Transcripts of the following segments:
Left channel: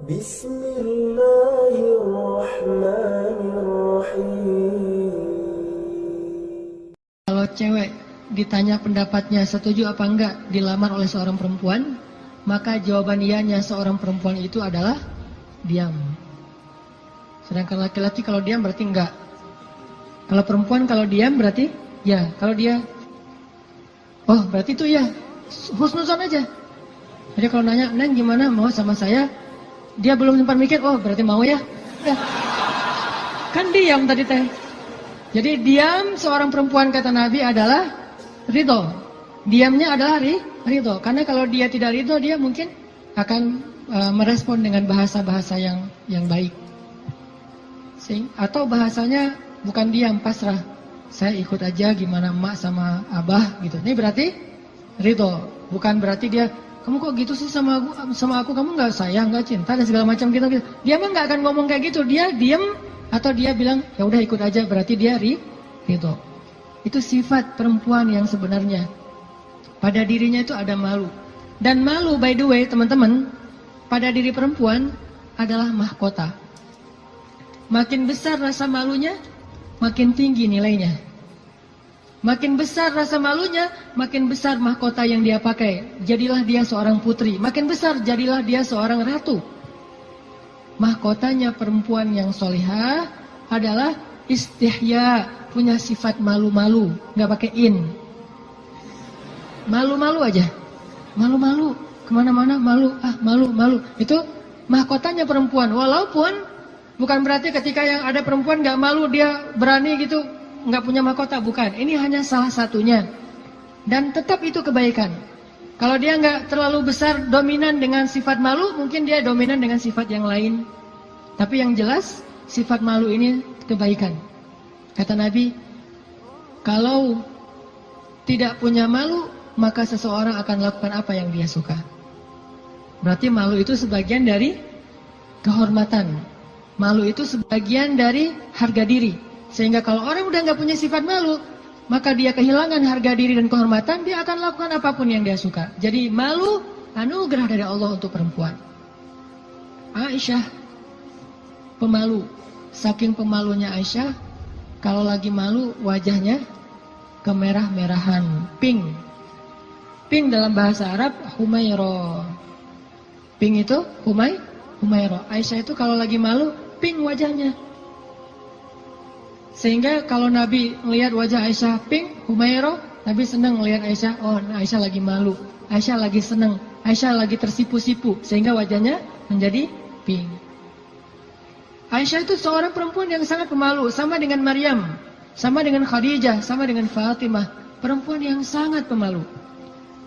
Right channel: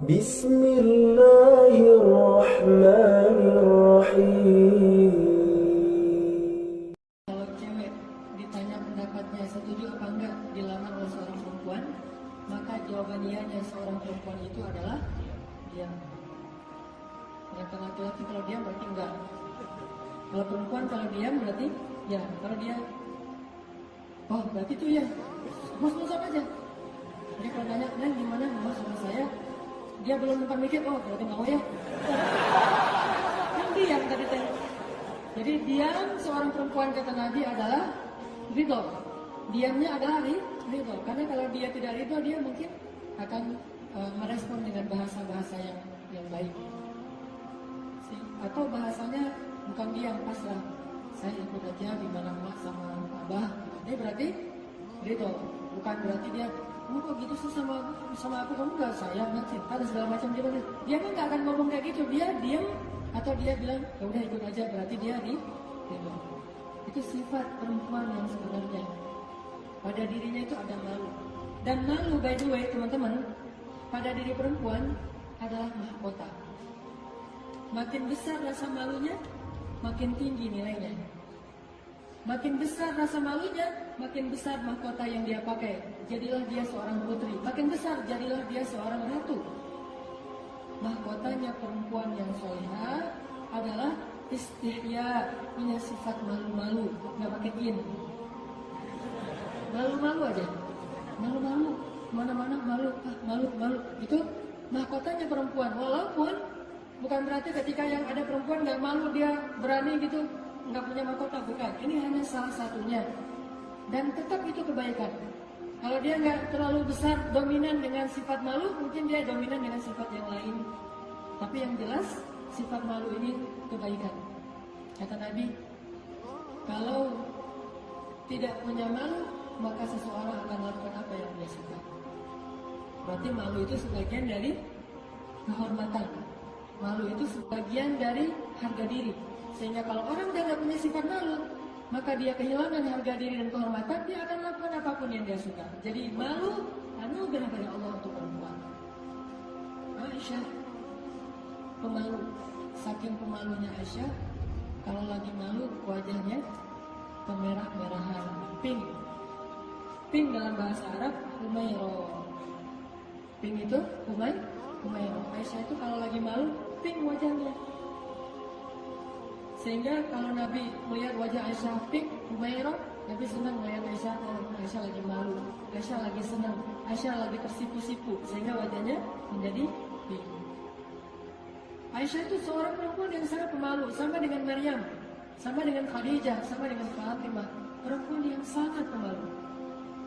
Bismillahirrahmanirrahim. Kalau cewek ditanya pendapatnya setuju apa enggak dilamar oleh seorang perempuan, maka jawaban iyanya seorang perempuan itu adalah diam. Sedangkan laki-laki kalau diam berarti enggak. Kalau perempuan kalau diam berarti ya. Kalau dia, oh berarti itu ya, husnuzon aja. Jadi kalau nanya, Neng gimana mau sama saya? Dia belum sempat mikir, oh berarti mau ya. Kan diam tadi teh. Jadi diam seorang perempuan kata Nabi adalah ridho. Diamnya adalah ridho. Karena kalau dia tidak ridho, dia mungkin akan merespon dengan bahasa-bahasa yang baik. Atau bahasanya bukan diam, pasrah. Saya ikut aja gimana emak sama abah gitu. Ini berarti ridho. Bukan berarti dia, kamu kok gitu sih sama aku, kamu nggak sayang, nggak cinta dan segala macam gitu. Dia mah nggak akan ngomong kayak gitu. Dia diam atau dia bilang ya udah ikut aja, berarti dia ridho. Itu sifat perempuan yang sebenarnya. Pada dirinya itu ada malu. Dan malu, by the way teman-teman, pada diri perempuan adalah mahkota. Makin besar rasa malunya, makin tinggi nilainya. Makin besar rasa malunya, makin besar mahkota yang dia pakai. Jadilah dia seorang putri. Makin besar, jadilah dia seorang ratu. Mahkotanya perempuan yang solihah adalah istihya, punya sifat malu-malu, nggak pakai in. Malu-malu aja, malu-malu, kemana-mana malu, malu-malu. Itu mahkotanya perempuan. Walaupun bukan berarti ketika yang ada perempuan nggak malu dia berani gitu, nggak punya mahkota, bukan. Ini hanya salah satunya. Dan tetap itu kebaikan. Kalau dia nggak terlalu besar dominan dengan sifat malu, mungkin dia dominan dengan sifat yang lain. Tapi yang jelas sifat malu ini kebaikan. Kata Nabi, kalau tidak punya malu, maka seseorang akan lakukan apa yang dia suka. Berarti malu itu sebagian dari kehormatan. Malu itu sebagian dari harga diri. Sehingga kalau orang udah nggak punya sifat malu, maka dia kehilangan harga diri dan kehormatan, dia akan lakukan apapun yang dia suka. Jadi malu anugerah dari Allah untuk perempuan. Aisyah pemalu. Saking pemalunya Aisyah, kalau lagi malu wajahnya kemerah-merahan, pink. Pink dalam bahasa Arab humairo. Pink itu humairo. Aisyah itu kalau lagi malu pink wajahnya. Sehingga kalau Nabi melihat wajah Aisyah pink, humairo, Nabi senang melihat Aisyah, oh Aisyah lagi malu, Aisyah lagi senang, Aisyah lagi tersipu-sipu, sehingga wajahnya menjadi pink. Aisyah itu seorang perempuan yang sangat pemalu, sama dengan Maryam, sama dengan Khadijah, sama dengan Fatimah, perempuan yang sangat pemalu.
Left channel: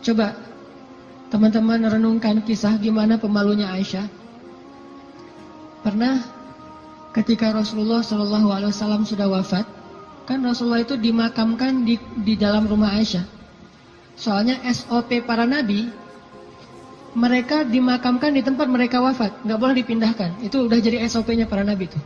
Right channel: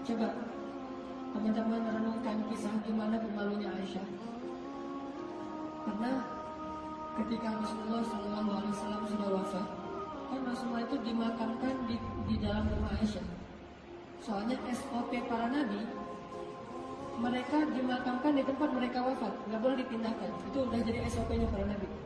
Coba teman-teman renungkan kisah gimana pemalunya Aisyah. Pernah ketika Rasulullah SAW sudah wafat, kan Rasulullah itu dimakamkan di dalam rumah Aisyah. Soalnya SOP para nabi, mereka dimakamkan di tempat mereka wafat, nggak boleh dipindahkan. Itu udah jadi SOP-nya para nabi itu.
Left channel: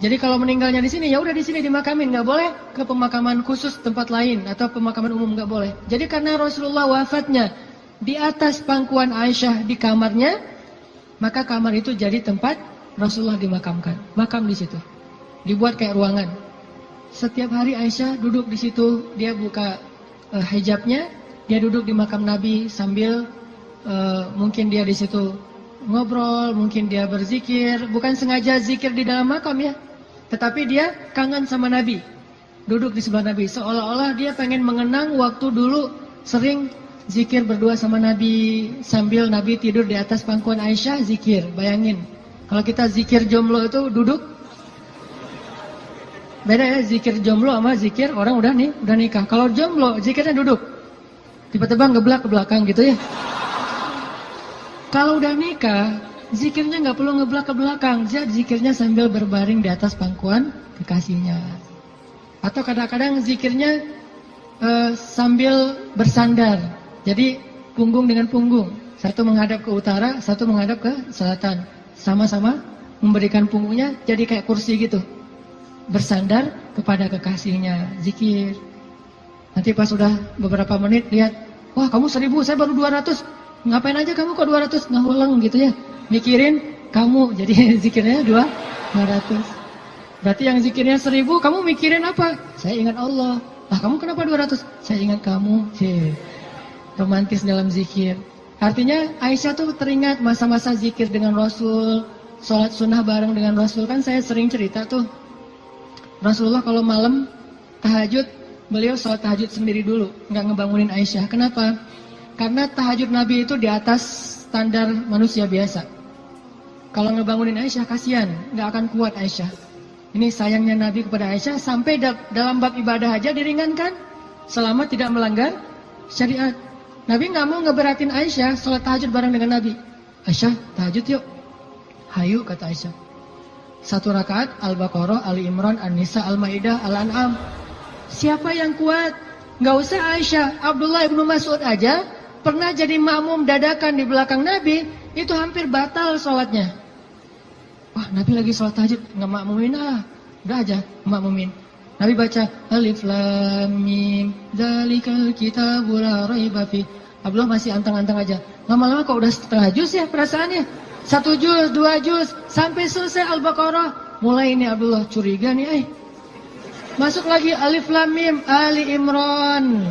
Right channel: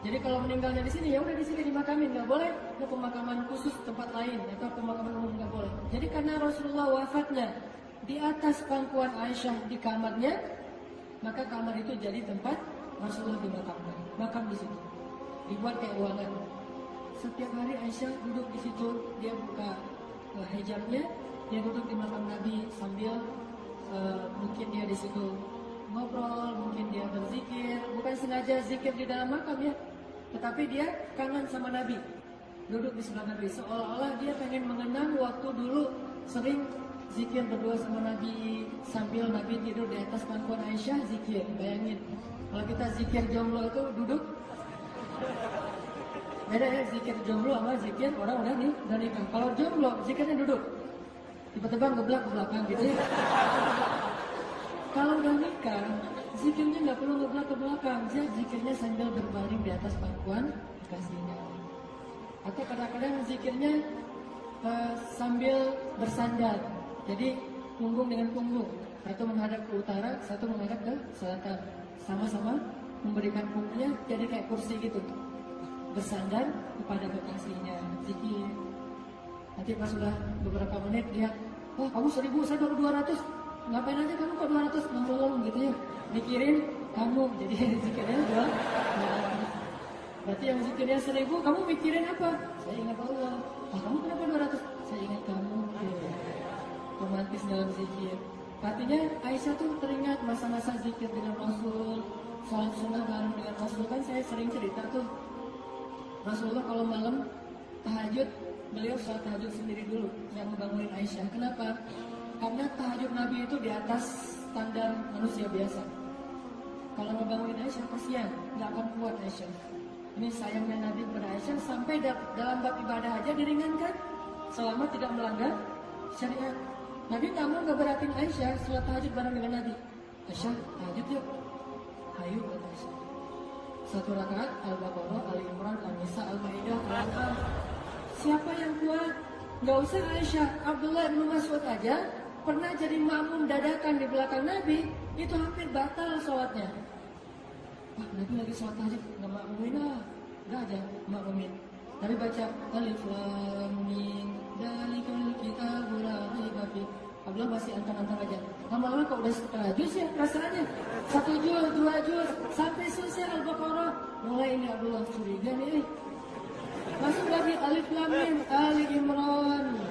Jadi kalau meninggalnya di sini, ya udah di sini dimakamin, nggak boleh ke pemakaman khusus tempat lain atau pemakaman umum, nggak boleh. Jadi karena Rasulullah wafatnya di atas pangkuan Aisyah di kamarnya, maka kamar itu jadi tempat Rasulullah dimakamkan, makam di situ, dibuat kayak ruangan. Setiap hari Aisyah duduk di situ, dia buka hijabnya, dia duduk di makam Nabi sambil mungkin dia di situ ngobrol, mungkin dia berzikir, bukan sengaja zikir di dalam makam ya, tetapi dia kangen sama Nabi, duduk di sebelah Nabi, seolah-olah dia pengen mengenang waktu dulu sering zikir berdua sama Nabi sambil Nabi tidur di atas pangkuan Aisyah zikir. Bayangin. Kalau kita zikir jomblo itu duduk, beda ya zikir jomblo sama zikir orang udah nikah. Kalau jomblo zikirnya duduk, tiba-tiba ngeblak ke belakang gitu ya. Kalau udah nikah, zikirnya nggak perlu ngeblak ke belakang, zikirnya sambil berbaring di atas pangkuan kekasihnya. Atau kadang-kadang zikirnya sambil bersandar, jadi punggung dengan punggung, satu menghadap ke utara, satu menghadap ke selatan. Sama-sama memberikan punggungnya jadi kayak kursi gitu, bersandar kepada kekasihnya, zikir. Nanti pas sudah beberapa menit lihat, wah kamu 1000, saya baru 200. Ngapain aja kamu kok 200 ngaweleng gitu ya? Mikirin kamu, jadi zikirnya 200. Berarti yang zikirnya 1000, kamu mikirin apa? Saya ingat Allah. Lah kamu kenapa 200? Saya ingat kamu. Romantis dalam zikir. Artinya Aisyah tuh teringat masa-masa zikir dengan Rasul, sholat sunnah bareng dengan Rasul. Kan saya sering cerita tuh, Rasulullah kalau malam tahajud, beliau sholat tahajud sendiri dulu, nggak ngebangunin Aisyah. Kenapa? Karena tahajud Nabi itu di atas standar manusia biasa. Kalau ngebangunin Aisyah kasihan, nggak akan kuat Aisyah. Ini sayangnya Nabi kepada Aisyah, sampai dalam bab ibadah aja diringankan selama tidak melanggar syariat. Nabi nggak mau ngeberatin Aisyah sholat tahajud bareng dengan Nabi. Aisyah tahajud yuk. Hayu kata Aisyah. 1 rakaat Al-Baqarah, Ali Imran, An-Nisa, Al-Maidah, Al-An'am. Siapa yang kuat? Nggak usah Aisyah, Abdullah ibnu Mas'ud aja pernah jadi makmum dadakan di belakang Nabi, itu hampir batal sholatnya. Wah, Nabi lagi sholat tahajud, nggak makmumin udah aja makmumin. Nabi baca Alif Lam Mim, Dzalikal Kitabul La Raiba Fi. Abdullah masih antang-antang aja. Lama-lama kok udah setengah juz ya perasaannya. 1 juz, 2 juz, sampai selesai Al-Baqarah. Mulai ini Abdullah curiga nih, Masuk lagi Alif Lam Mim, Ali Imran.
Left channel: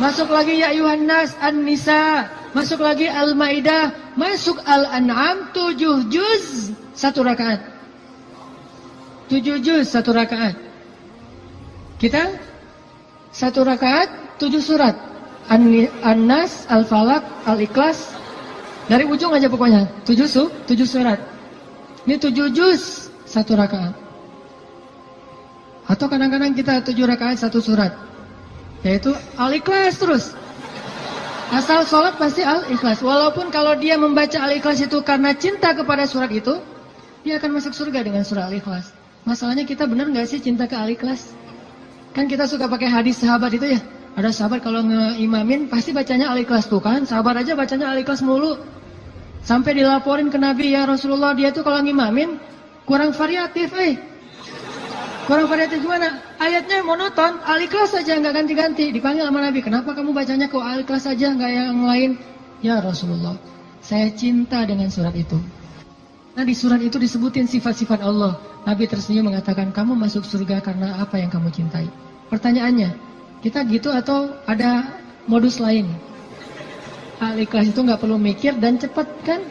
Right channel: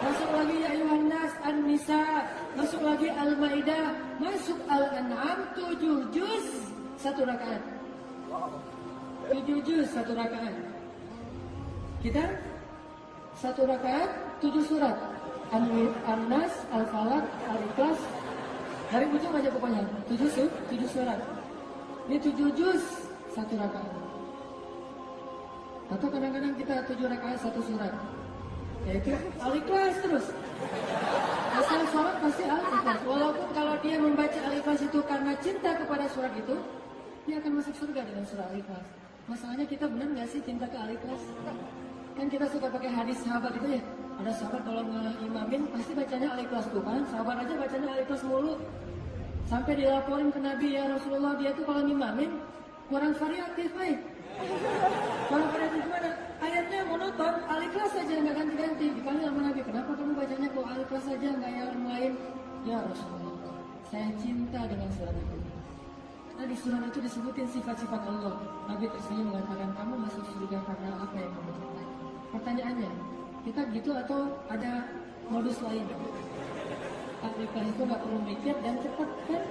Masuk lagi Ya Ayuhan Nas, An-Nisa. Masuk lagi Al-Maidah. Masuk Al-An'am, 7 juz 1 rakaat. 7 juz 1 rakaat. Kita 1 rakaat 7 surat. An-Nas, Al-Falaq, Al-Ikhlas. Dari ujung aja pokoknya 7 surat. Ini 7 juz 1 rakaat. Atau kadang-kadang kita 7 rakaat 1 surat. Yaitu Al-Ikhlas terus. Asal sholat pasti Al-Ikhlas. Walaupun kalau dia membaca Al-Ikhlas itu karena cinta kepada surat itu, dia akan masuk surga dengan surah Al-Ikhlas. Masalahnya kita benar nggak sih cinta ke Al-Ikhlas? Kan kita suka pakai hadis sahabat itu ya. Ada sahabat kalau ngeimamin pasti bacanya Al-Ikhlas tuh kan. Sahabat aja bacanya Al-Ikhlas mulu. Sampai dilaporin ke Nabi, ya Rasulullah dia tuh kalau ngimamin kurang variatif Kurang variatif gimana? Ayatnya monoton, Al-Ikhlas saja nggak ganti-ganti. Dipanggil sama Nabi, kenapa kamu bacanya kok Al-Ikhlas saja nggak yang lain? Ya Rasulullah, saya cinta dengan surat itu. Nah di surat itu disebutin sifat-sifat Allah. Nabi tersenyum mengatakan, kamu masuk surga karena apa yang kamu cintai. Pertanyaannya, kita gitu atau ada modus lain? Al-Ikhlas itu nggak perlu mikir dan cepat kan?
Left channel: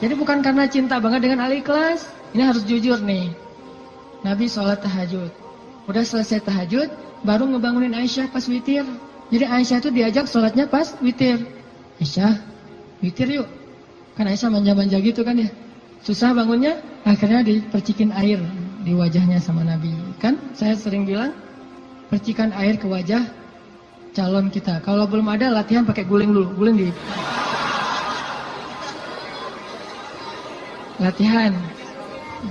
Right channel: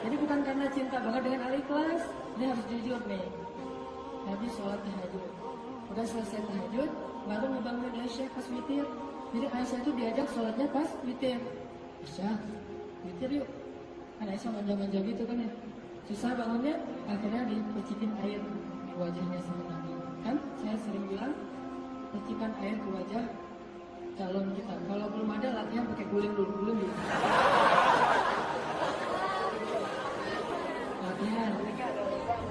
Jadi bukan karena cinta banget dengan Al-Ikhlas. Ini harus jujur nih. Nabi sholat tahajud. Udah selesai tahajud, baru ngebangunin Aisyah pas witir. Jadi Aisyah itu diajak sholatnya pas witir. Aisyah, witir yuk. Kan Aisyah manja-manja gitu kan ya. Susah bangunnya, akhirnya dipercikin air di wajahnya sama Nabi. Kan saya sering bilang, percikan air ke wajah calon kita. Kalau belum ada latihan pakai guling dulu. Guling di latihan.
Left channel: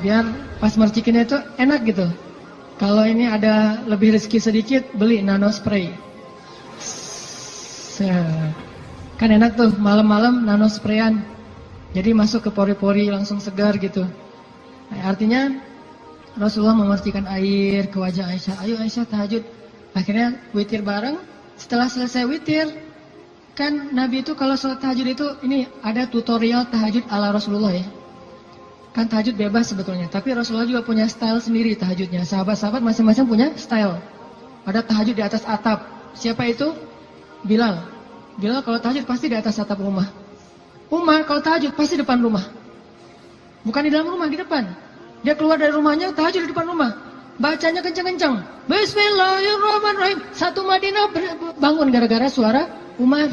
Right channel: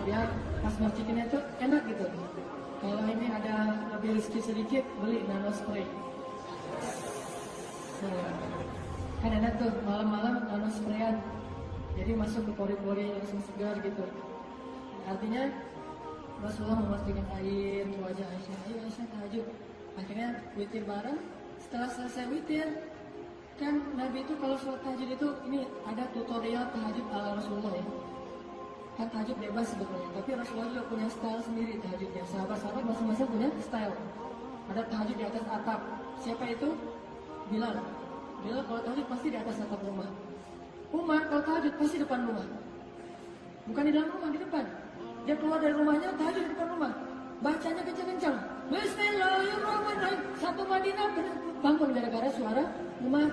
Biar pas mercikinnya itu enak gitu. Kalau ini ada lebih rezeki sedikit, beli nano spray. Kan enak tuh malam-malam nano sprayan. Jadi masuk ke pori-pori langsung segar gitu. Nah, artinya Rasulullah memercikan air ke wajah Aisyah. Ayo Aisyah tahajud. Akhirnya witir bareng. Setelah selesai witir, kan Nabi itu kalau sholat tahajud itu ini ada tutorial tahajud ala Rasulullah ya. Kan tahajud bebas sebetulnya, tapi Rasulullah juga punya style sendiri tahajudnya. Sahabat-sahabat masing-masing punya style. Ada tahajud di atas atap. Siapa itu? Bilal. Bilal kalau tahajud pasti di atas atap rumah. Umar kalau tahajud pasti depan rumah. Bukan di dalam rumah, di depan. Dia keluar dari rumahnya, tahajud di depan rumah. Bacanya kencang-kencang. Bismillahirrahmanirrahim. Satu Madinah bangun gara-gara suara Umar.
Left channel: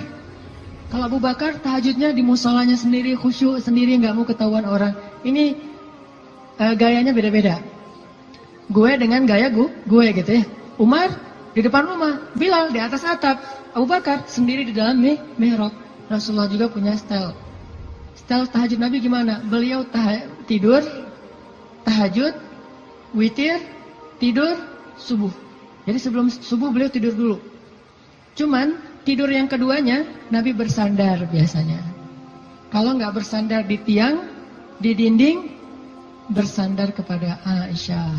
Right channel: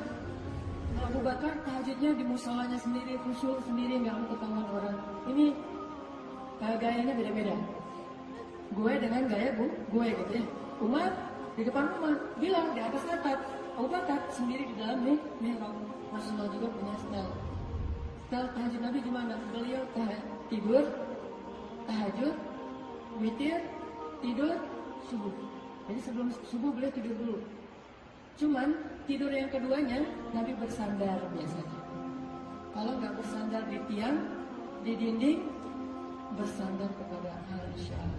Kalau Abu Bakar tahajudnya di musolanya sendiri, khusyuk sendiri, nggak mau ketahuan orang. Ini gayanya beda-beda. Gue dengan gaya gue gitu ya. Umar di depan rumah, Bilal di atas atap, Abu Bakar sendiri di dalam mihrab. Rasulullah juga punya style. Style tahajud Nabi gimana? Beliau tidur, tahajud, witir, tidur, subuh. Jadi sebelum subuh beliau tidur dulu. Cuman tidur yang keduanya Nabi bersandar biasanya. Kalau nggak bersandar di tiang, di dinding, bersandar kepada Aisyah.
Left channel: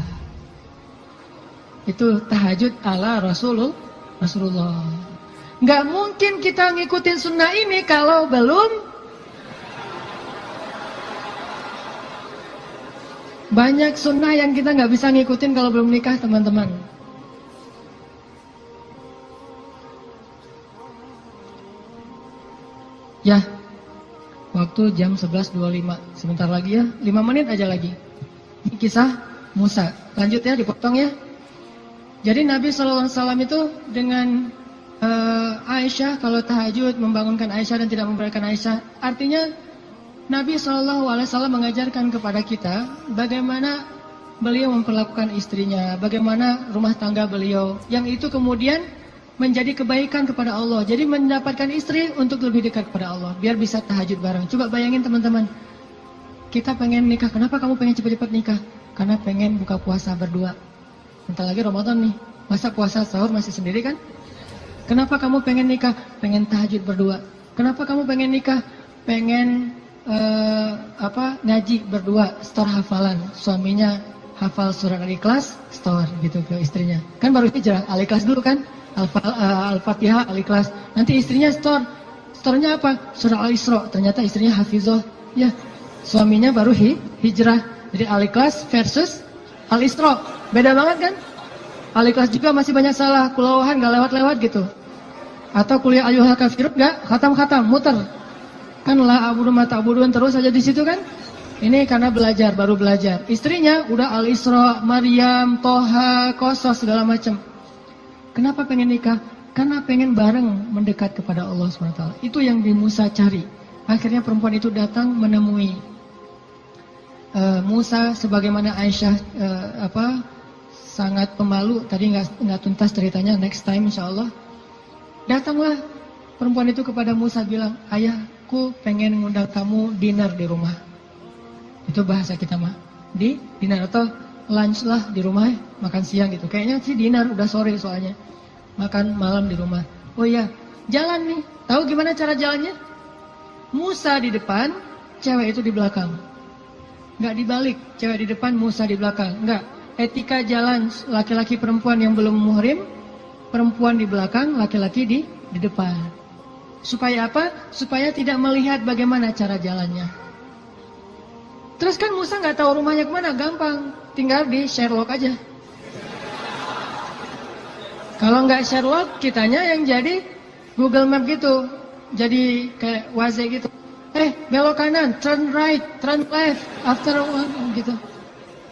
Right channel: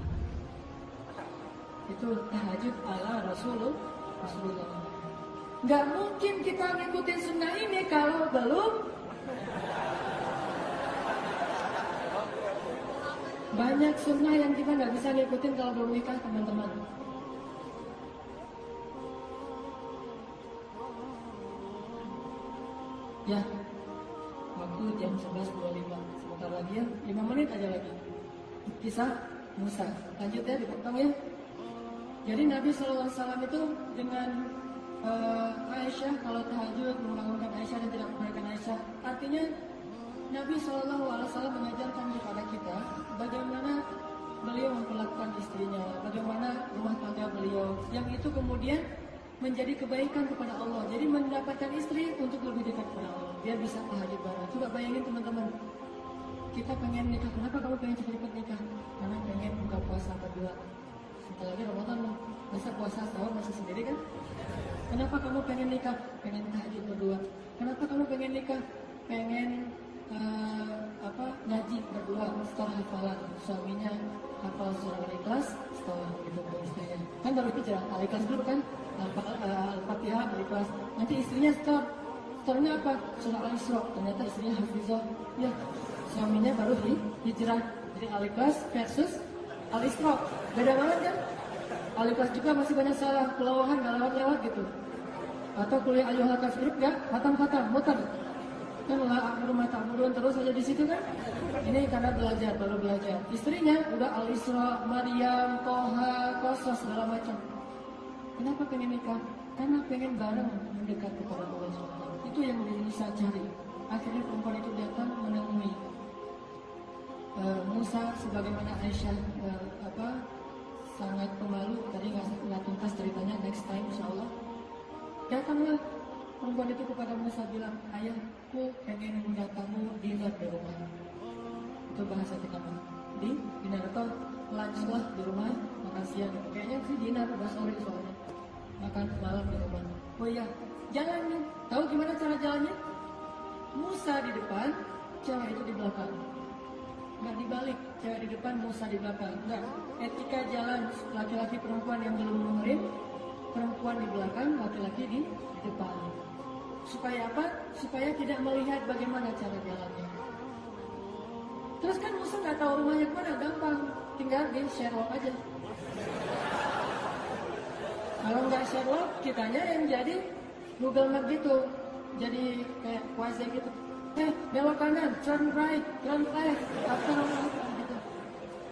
Itu tahajud ala Rasulullah. Nggak mungkin kita ngikutin sunnah ini kalau belum. Banyak sunnah yang kita nggak bisa ngikutin kalau belum nikah, teman-teman. Ya, waktu jam 11.25. Sebentar lagi ya, 5 menit aja lagi. Ini kisah Musa. Lanjut ya, dipotong ya. Jadi Nabi SAW itu dengan Aisyah, kalau tahajud membangunkan Aisyah dan tidak membiarkan Aisyah. Artinya Nabi SAW mengajarkan kepada kita bagaimana beliau memperlakukan istrinya, bagaimana rumah tangga beliau. Yang itu kemudian menjadi kebaikan kepada Allah. Jadi mendapatkan istri untuk lebih dekat kepada Allah, biar bisa tahajud bareng. Coba bayangin teman-teman, kita pengen nikah. Kenapa kamu pengen cepat-cepat nikah? Karena pengen buka puasa berdua. Bentar lagi Ramadan nih, masa puasa sahur masih sendiri kan? Kenapa kamu pengen nikah? Pengen tahajud berdua. Kenapa kamu pengen nikah? Pengen ngaji berdua, store hafalan. Suaminya hafal surat Al-Ikhlas, store gitu ke istrinya. Kan baru hijrah, Al-Ikhlas dulu kan? Al-Fatihah, Al-Ikhlas. Nanti istrinya store-nya apa? Surah Al-Isra. Ternyata istrinya hafizah. Ya, suaminya baru hijrah. Jadi Al-Ikhlas versus Al-Isra. Beda banget kan? Al-Ikhlas juga masih banyak salah. Kulawahan gak lewat-lewat gitu. Atau kuliah ayyuhal kafirun gak khatam-khatam, muter. Kan la abudu mata abuduan terus aja di situ kan? Ini karena belajar, baru belajar. Istrinya udah Al-Isra, Maryam, Toha, Qasas segala macam. Kenapa pengen nikah? Karena pengen bareng mendekat kepada Allah SWT. Itu yang Musa cari. Akhirnya perempuan itu datang menemui Musa, sebagaimana Aisyah sangat pemalu. Tadi nggak tuntas ceritanya, next time insya Allah. Datanglah perempuan itu kepada Musa bilang, ayahku pengen ngundang kamu dinner di rumah. Itu bahasa kita mah. Di dinner atau lunch lah di rumah, makan siang gitu. Kayaknya sih dinner, udah sore soalnya. Makan malam di rumah. Oh iya, jalan nih. Tahu gimana cara jalannya? Musa di depan, cewek itu di belakang. Nggak dibalik, cewek di depan, Musa di belakang. Nggak. Etika jalan laki-laki perempuan yang belum muhrim, perempuan di belakang, laki-laki di depan. Supaya apa? Supaya tidak melihat bagaimana cara jalannya. Terus kan Musa nggak tahu rumahnya kemana, gampang. Tinggal di Sherlock aja. Kalau nggak Sherlock, kitanya yang jadi Google Map gitu. Jadi kayak Waze gitu. Belok kanan, turn right, turn left, after gitu.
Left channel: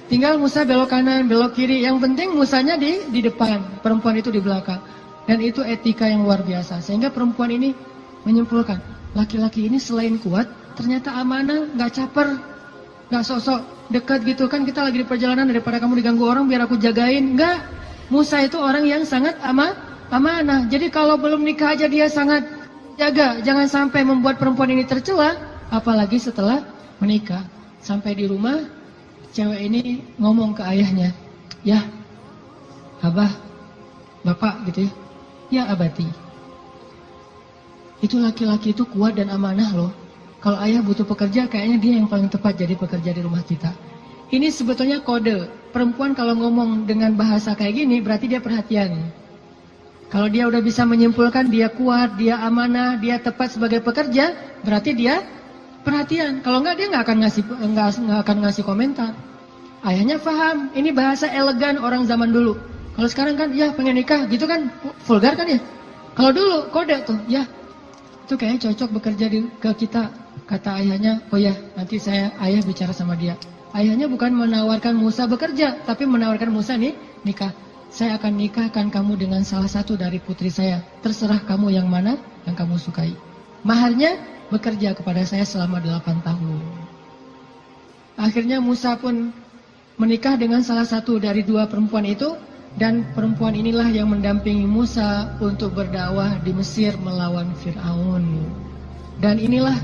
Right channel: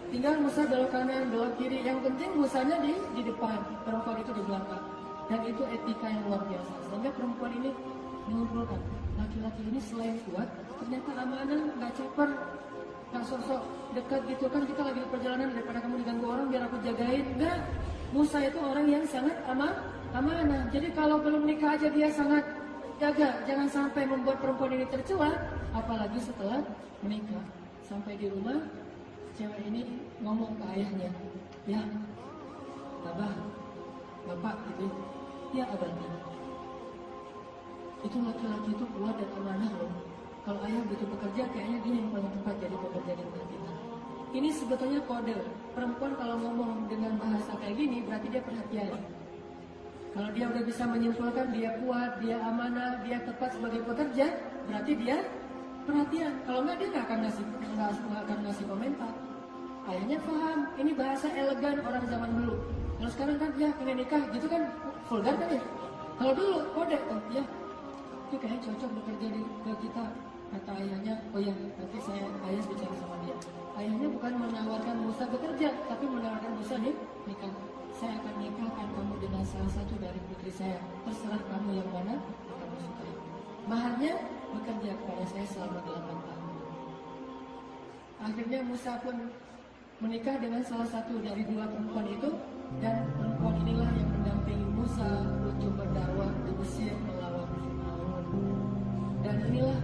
Tinggal Musa belok kanan, belok kiri. Yang penting Musanya di depan, perempuan itu di belakang. Dan itu etika yang luar biasa. Sehingga perempuan ini menyimpulkan, laki-laki ini selain kuat, ternyata amanah, nggak caper, nggak sok-sok dekat gitu. Kan kita lagi di perjalanan, daripada kamu diganggu orang biar aku jagain. Nggak. Musa itu orang yang sangat amanah. Jadi kalau belum nikah aja dia sangat jaga. Jangan sampai membuat perempuan ini tercela. Apalagi setelah menikah. Sampai di rumah, cewek ini ngomong ke ayahnya. Ya, abah, bapak gitu ya. Ya abati. Itu laki-laki itu kuat dan amanah loh. Kalau ayah butuh pekerja, kayaknya dia yang paling tepat jadi pekerja di rumah kita. Ini sebetulnya kode. Perempuan kalau ngomong dengan bahasa kayak gini, berarti dia perhatian. Kalau dia udah bisa menyimpulkan dia kuat, dia amanah, dia tepat sebagai pekerja, berarti dia perhatian. Kalau enggak, dia nggak akan ngasih komentar. Ayahnya paham. Ini bahasa elegan orang zaman dulu. Kalau sekarang kan, ya pengen nikah, gitu kan vulgar kan ya. Kalau dulu kode tuh, ya itu kayaknya cocok bekerja ke kita. Kata ayahnya, oh ya nanti ayah bicara sama dia. Ayahnya bukan menawarkan Musa bekerja, tapi menawarkan Musa nih nikah. Saya akan nikahkan kamu dengan salah satu dari putri saya. Terserah kamu yang mana yang kamu sukai. Maharnya bekerja kepada saya selama 8 tahun. Akhirnya Musa pun menikah dengan salah satu dari 2 perempuan itu. Dan perempuan inilah yang mendampingi Musa untuk berdakwah di Mesir melawan Fir'aun. Dan inilah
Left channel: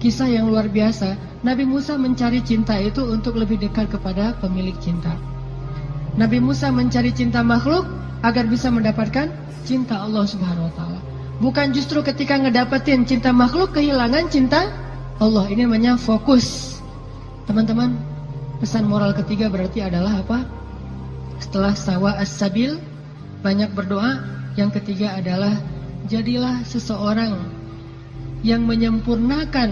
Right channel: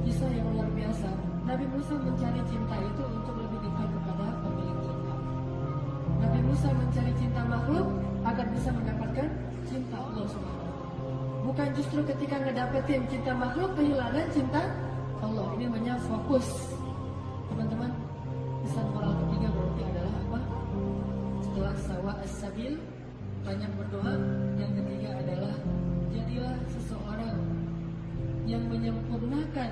kisah yang luar biasa. Nabi Musa mencari cinta itu untuk lebih dekat kepada pemilik cinta. Nabi Musa mencari cinta makhluk agar bisa mendapatkan cinta Allah Subhanahu wa taala. Bukan justru ketika ngedapetin cinta makhluk kehilangan cinta Allah. Ini namanya fokus. Teman-teman, pesan moral ketiga berarti adalah apa? Setelah sawa as-sabil, banyak berdoa. Yang ketiga adalah jadilah seseorang yang menyempurnakan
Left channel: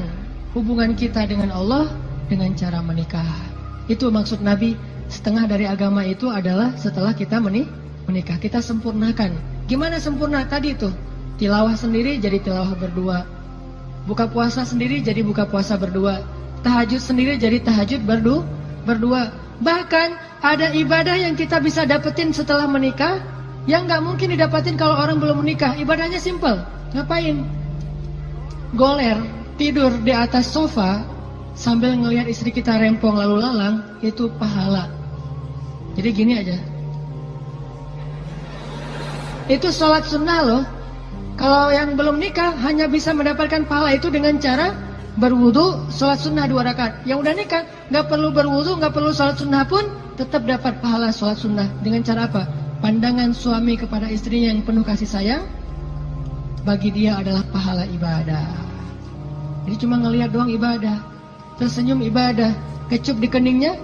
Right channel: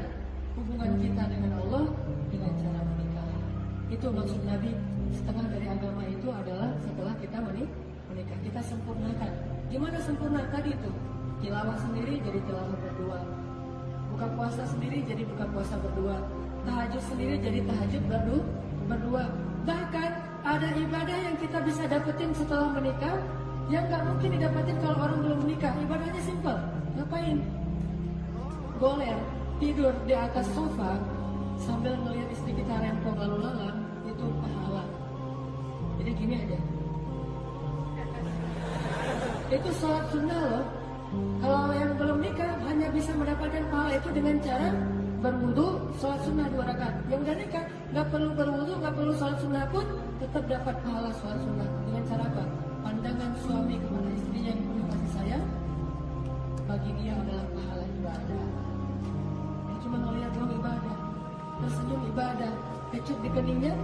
hubungan kita dengan Allah dengan cara menikah. Itu maksud Nabi, setengah dari agama itu adalah setelah kita menikah, kita sempurnakan. Gimana sempurna? Tadi tuh, tilawah sendiri jadi tilawah berdua, buka puasa sendiri jadi buka puasa berdua, tahajud sendiri jadi tahajud berdua. Bahkan ada ibadah yang kita bisa dapetin setelah menikah yang gak mungkin didapetin kalau orang belum menikah. Ibadahnya simple. Ngapain? Goler, tidur di atas sofa sambil ngelihat istri kita rempong lalu lalang, itu pahala. Jadi gini aja, itu sholat sunnah loh. Kalau yang belum nikah hanya bisa mendapatkan pahala itu dengan cara berwudu, sholat sunnah 2 rakaat. Yang udah nikah gak perlu berwudu, gak perlu sholat sunnah pun tetap dapat pahala sholat sunnah. Dengan cara apa? Pandangan suami kepada istrinya yang penuh kasih sayang, bagi dia adalah pahala ibadah. Jadi cuma ngelihat doang ibadah, tersenyum ibadah, kecup di keningnya.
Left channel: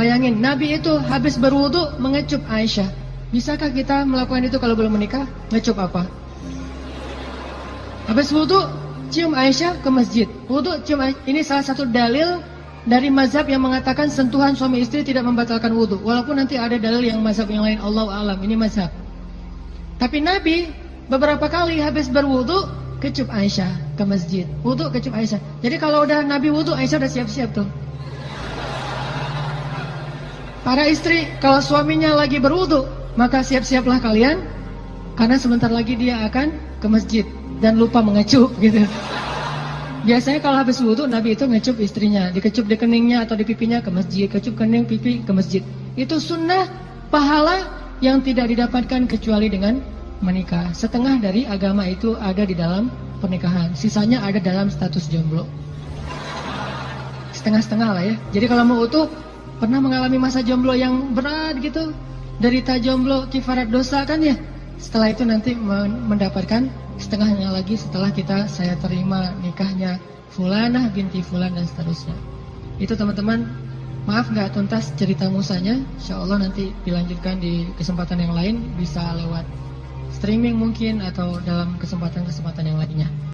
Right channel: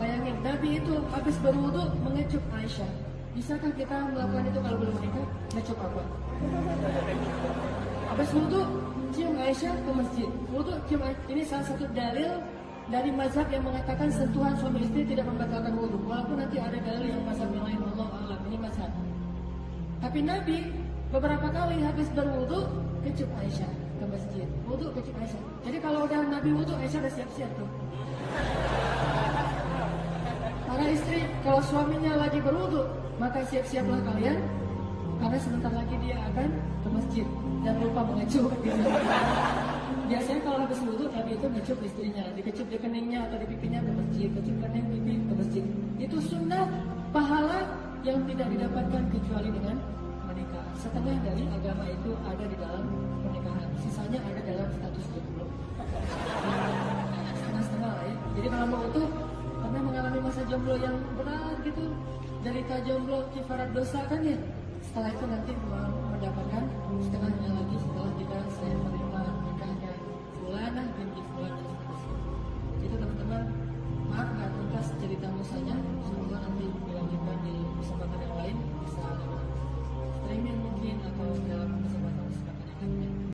Bayangin, Nabi itu habis berwudu mengecup Aisyah. Bisakah kita melakukan itu kalau belum menikah? Ngecup apa? Habis wudu, cium Aisyah ke masjid. Wudu, cium Aisyah. Ini salah satu dalil dari mazhab yang mengatakan sentuhan suami istri tidak membatalkan wudu. Walaupun nanti ada dalil yang mazhab yang lain, Allahu a'lam. Ini mazhab. Tapi Nabi beberapa kali habis berwudu kecup Aisyah ke masjid. Wudu kecup Aisyah. Jadi kalau udah Nabi wudu, Aisyah udah siap-siap tuh. Para istri, kalau suaminya lagi berwudu, maka siap-siaplah kalian, karena sebentar lagi dia akan ke masjid dan lupa mengecup gitu. Biasanya kalau habis wudu, Nabi itu ngecup istrinya, dikecup di keningnya atau di pipinya ke masjid, kecup kening pipi ke masjid. Itu sunnah pahala yang tidak didapatkan kecuali dengan menikah. Setengah dari agama itu ada di dalam pernikahan, sisanya ada dalam status jomblo. Setengah-setengah lah ya. Jadi kalau mau utuh, pernah mengalami masa jomblo yang berat gitu, derita jomblo, kifarat dosa kan ya. Setelah itu nanti mendapatkan setengahnya lagi setelah saya terima nikahnya Fulanah binti Fulan dan seterusnya. Itu teman-teman, maaf nggak tuntas cerita musanya. Insya Allah nanti dilanjutkan di kesempatan yang lain, bisa lewat streaming mungkin atau dalam kesempatan-kesempatan yang lainnya.